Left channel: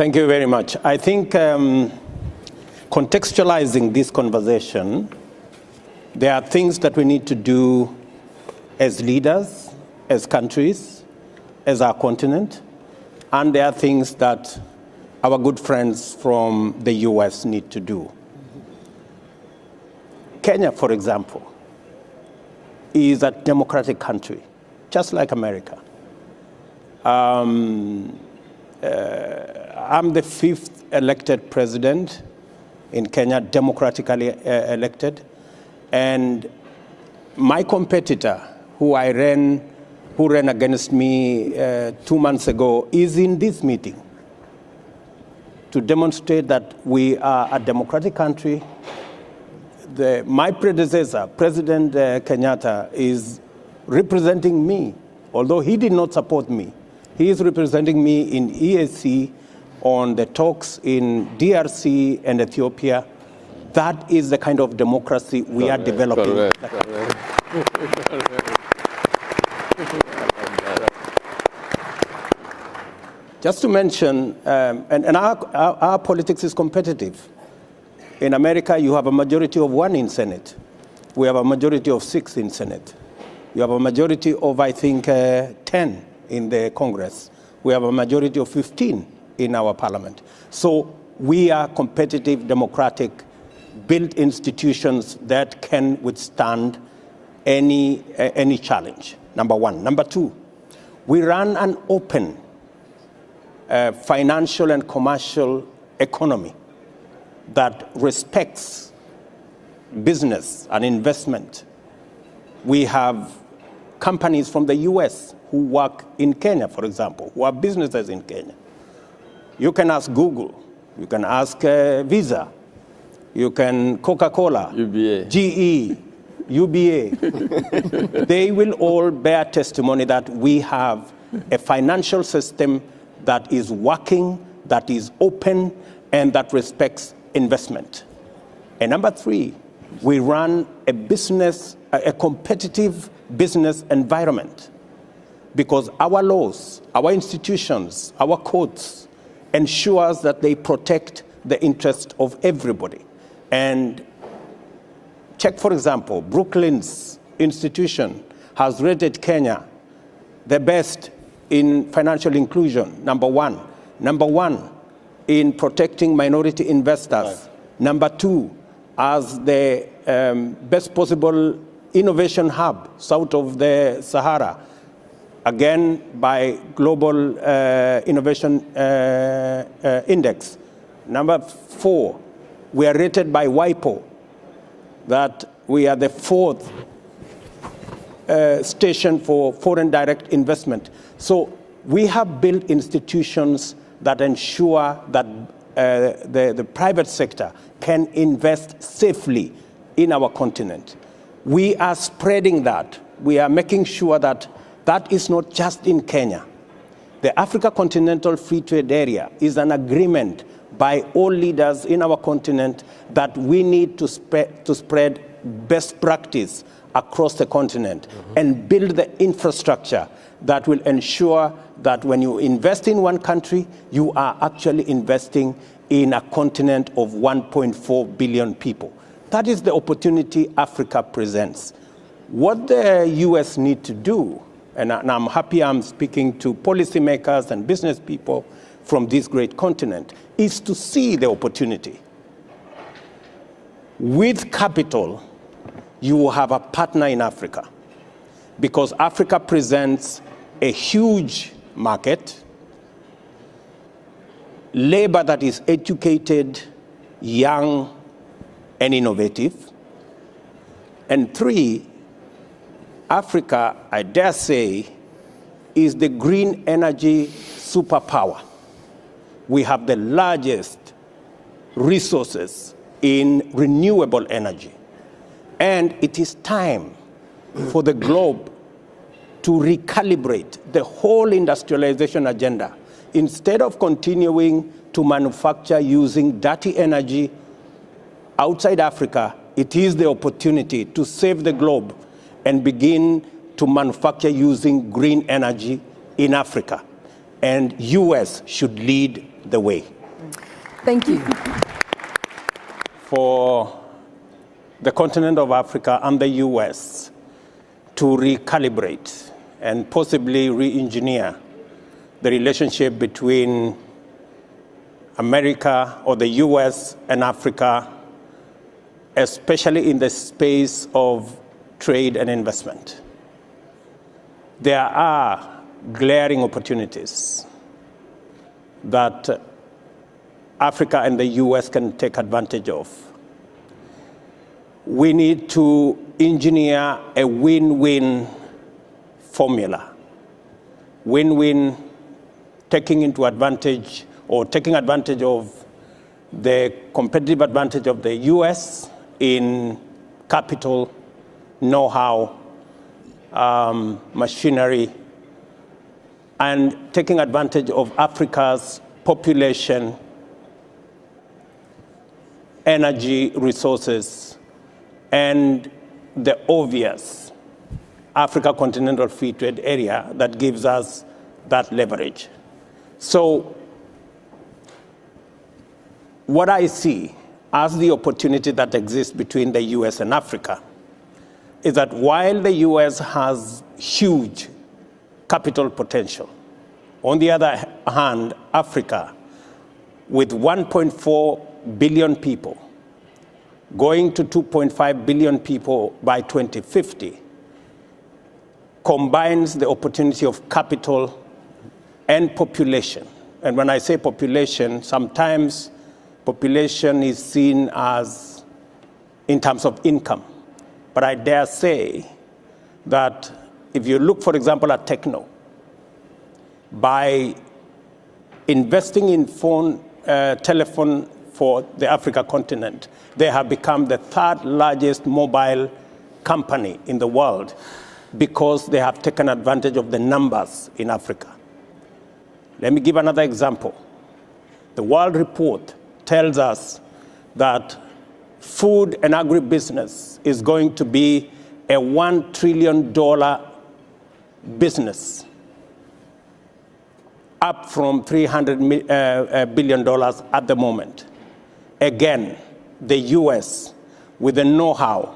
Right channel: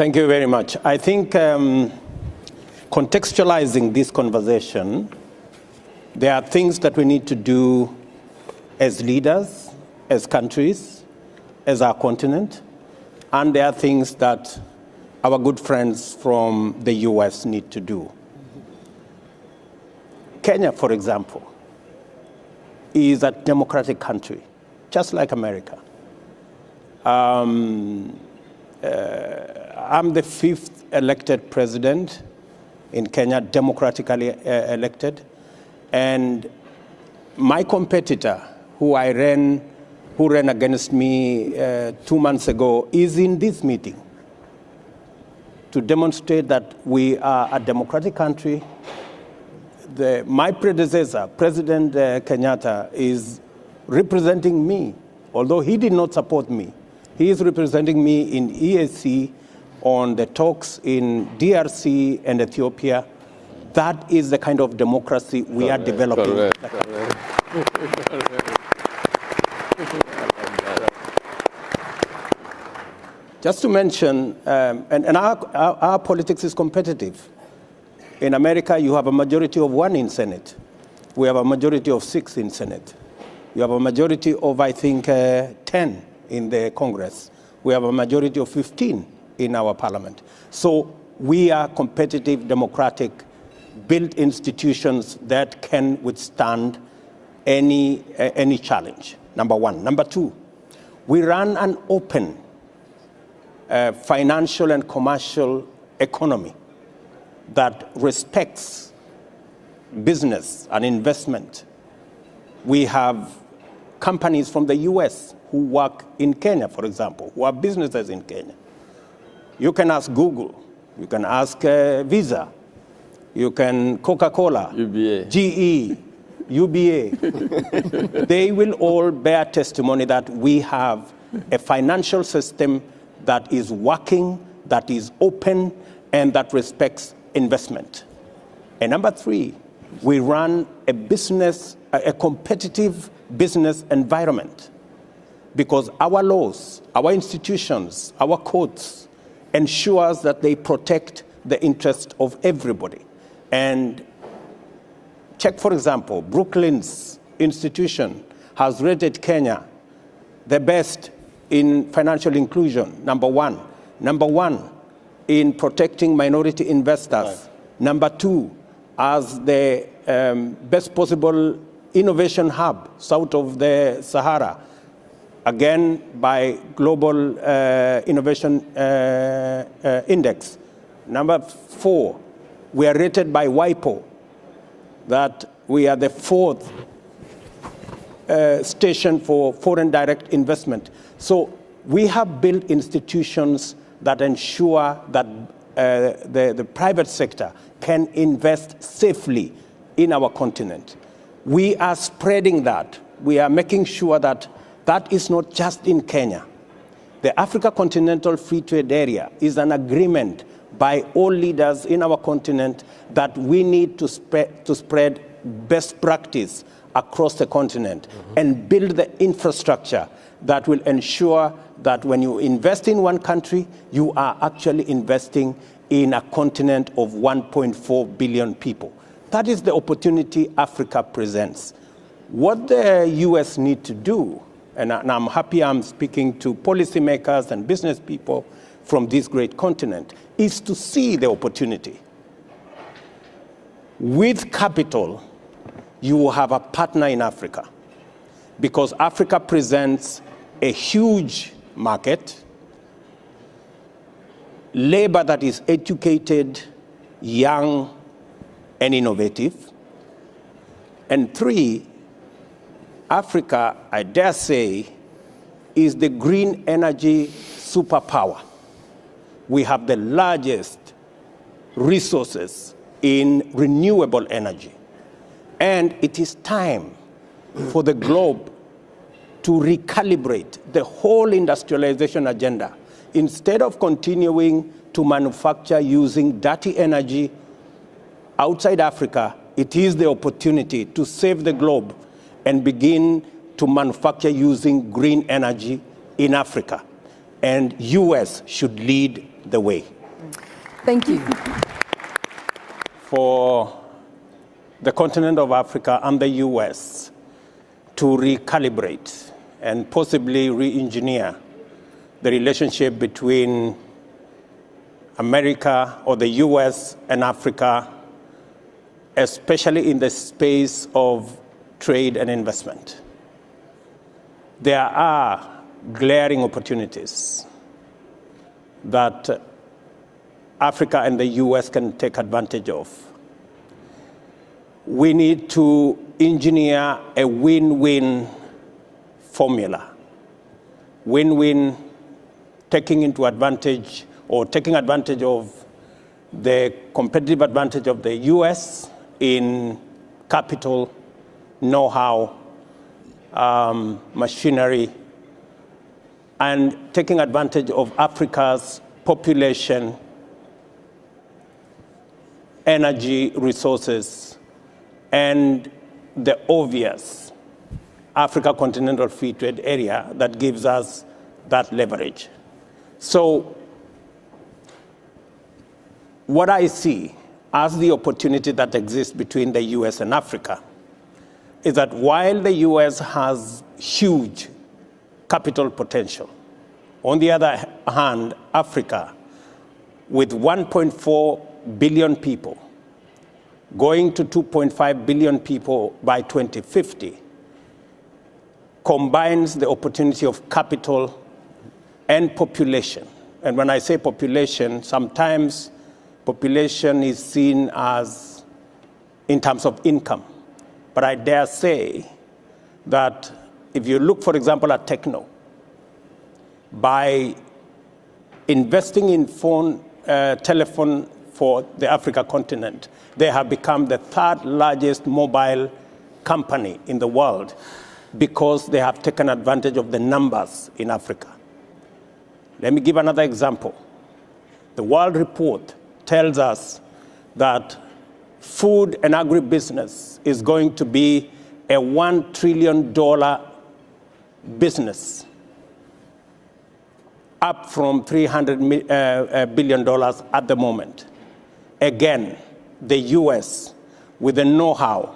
Thank you very much. I think contextualizing this conversation, there are things that we need to do as leaders, as countries, as our continent, and there are things that our good friends from the US need to do. Kenya, for example, is a democratic country, just like America. I'm the 5th elected president in Kenya, democratically elected, and my competitor, who ran against me 2 months ago, is in this meeting to demonstrate that we are a democratic country. My predecessor, President Kenyatta, is representing me, although he did not support me. He is representing me in EAC on the talks in DRC and Ethiopia. That is the kind of democracy we are developing. Just to mention, and our politics is competitive. In America, you have a majority of 1 in Senate. We have a majority of 6 in Senate. You have a majority of, I think, 10 in the Congress. We have a majority of 15 in our parliament. So we are competitive, democratic, built institutions that can withstand any challenge, number one. Number two, we run an open financial and commercial economy that respects business and investment. We have companies from the US who work in Kenya, for example, who have businesses in Kenya. You can ask Google, you can ask Visa, you can Coca-Cola, UBA. GE, UBA. They will all bear testimony that we have a financial system that is working, that is open, and that respects investment. And number three, we run a competitive business environment because our laws, our institutions, our courts ensures that they protect the interest of everybody. And check, for example, Brooklyn's institution has rated Kenya the best in financial inclusion, number one. Number one in protecting minority investors. Right. Number two, as the best possible innovation hub south of the Sahara, again by Global Innovation Index. Number four, we are rated by WIPO that we are the 4th station for foreign direct investment. So we have built institutions that ensure that the private sector can invest safely in our continent. We are spreading that. We are making sure that that is not just in Kenya. The Africa Continental Free Trade Area is an agreement by all leaders in our continent that we need to spread best practice across the continent and build the infrastructure that will ensure that when you invest in one country, you are actually investing in a continent of 1.4 billion people. That is the opportunity Africa presents. What the US need to do, and I'm happy I'm speaking to policymakers and business people from this great continent, is to see the opportunity. With capital, you will have a partner in Africa because Africa presents a huge market, labor that is educated, young, and innovative. And three, Africa, I dare say, is the green energy superpower. We have the largest resources in renewable energy. And it is time for the globe to recalibrate the whole industrialization agenda. Instead of continuing to manufacture using dirty energy outside Africa, it is the opportunity to save the globe and begin to manufacture using green energy in Africa. And US should lead the way. Thank you. For the continent of Africa and the US to recalibrate and possibly re-engineer the relationship between America or the US and Africa, especially in the space of trade and investment. There are glaring opportunities that Africa and the US can take advantage of. We need to engineer a win-win formula. Win-win, taking advantage of the competitive advantage of the US in capital, know-how, machinery, and taking advantage of Africa's population, energy resources, and the obvious Africa Continental Free Trade Area that gives us that leverage. So what I see as the opportunity that exists between the US and Africa is that while the US has huge capital potential, on the other hand, Africa, with 1.4 billion people, going to 2.5 billion people by 2050, combines the opportunity of capital and population. And when I say population, sometimes population is seen as in terms of income. But I dare say that if you look, for example, at Techno, by investing in telephone for the Africa continent, they have become the third largest mobile company in the world because they have taken advantage of the numbers in Africa. Let me give another example. The World Report tells us that food and agribusiness is going to be a $1 trillion business, up from $300 billion at the moment. Again, the US, with the know-how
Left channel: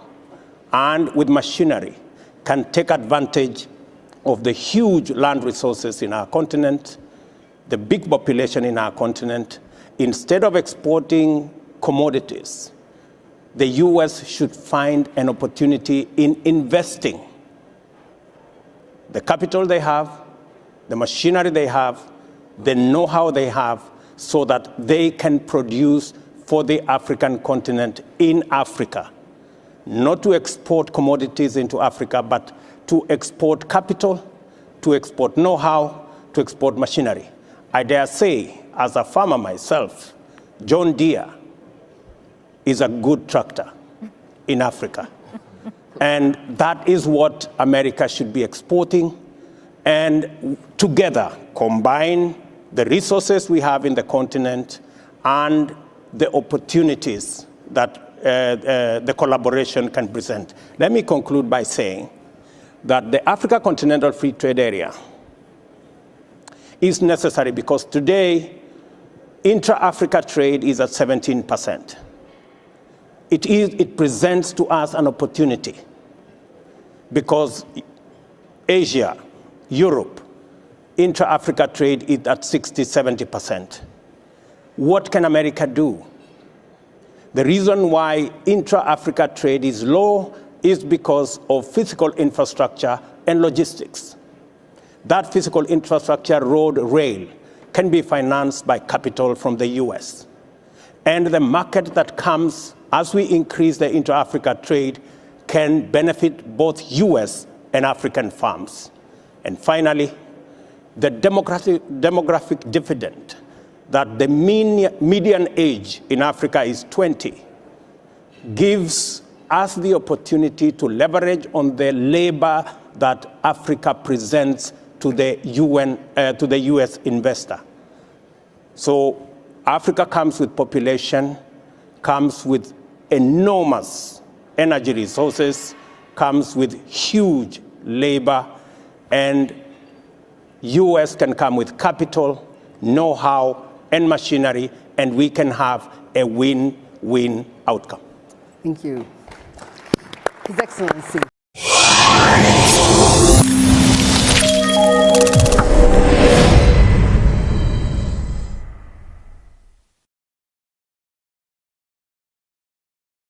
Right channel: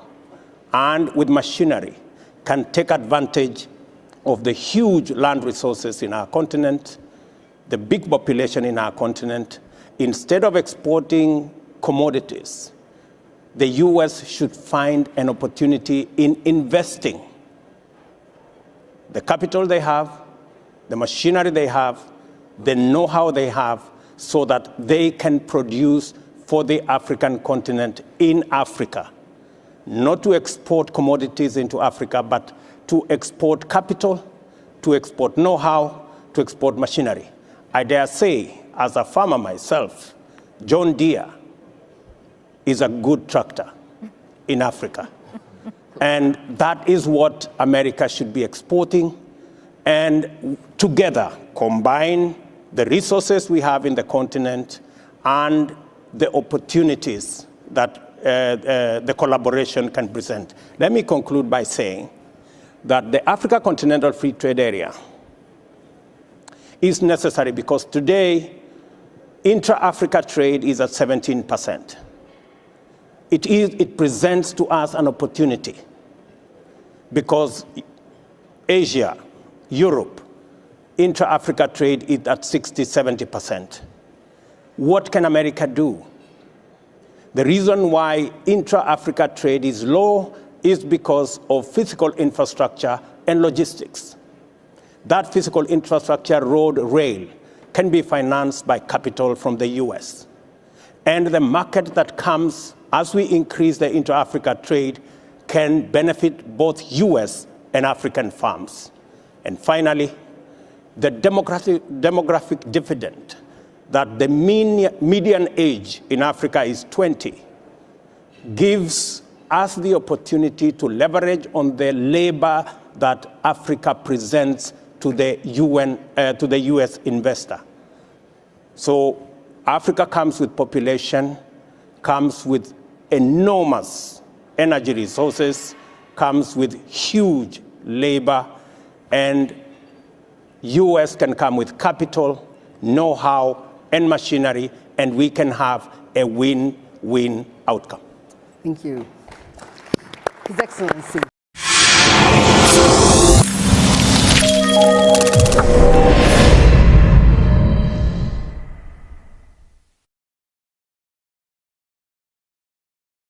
and with machinery, can take advantage of the huge land resources in our continent, the big population in our continent. Instead of exporting commodities, the US should find an opportunity in investing the capital they have, the machinery they have, the know-how they have, so that they can produce for the African continent in Africa. Not to export commodities into Africa, but to export capital, to export know-how, to export machinery. I dare say, as a farmer myself, John Deere is a good tractor in Africa. And that is what America should be exporting. And together, combine the resources we have in the continent and the opportunities that the collaboration can present. Let me conclude by saying that the Africa Continental Free Trade Area is necessary because today, intra-Africa trade is at 17%. It presents to us an opportunity because Asia, Europe, intra-Africa trade is at 60–70%. What can America do? The reason why intra-Africa trade is low is because of physical infrastructure and logistics. That physical infrastructure, road, rail, can be financed by capital from the US. And the market that comes as we increase the intra-Africa trade can benefit both US and African farms. And finally, the demographic dividend that the median age in Africa is 20 gives us the opportunity to leverage on the labor that Africa presents to the US investor. So Africa comes with population, comes with enormous energy resources, comes with huge labor, and US can come with capital, know-how, and machinery, and we can have a win-win outcome. Thank you. His Excellency.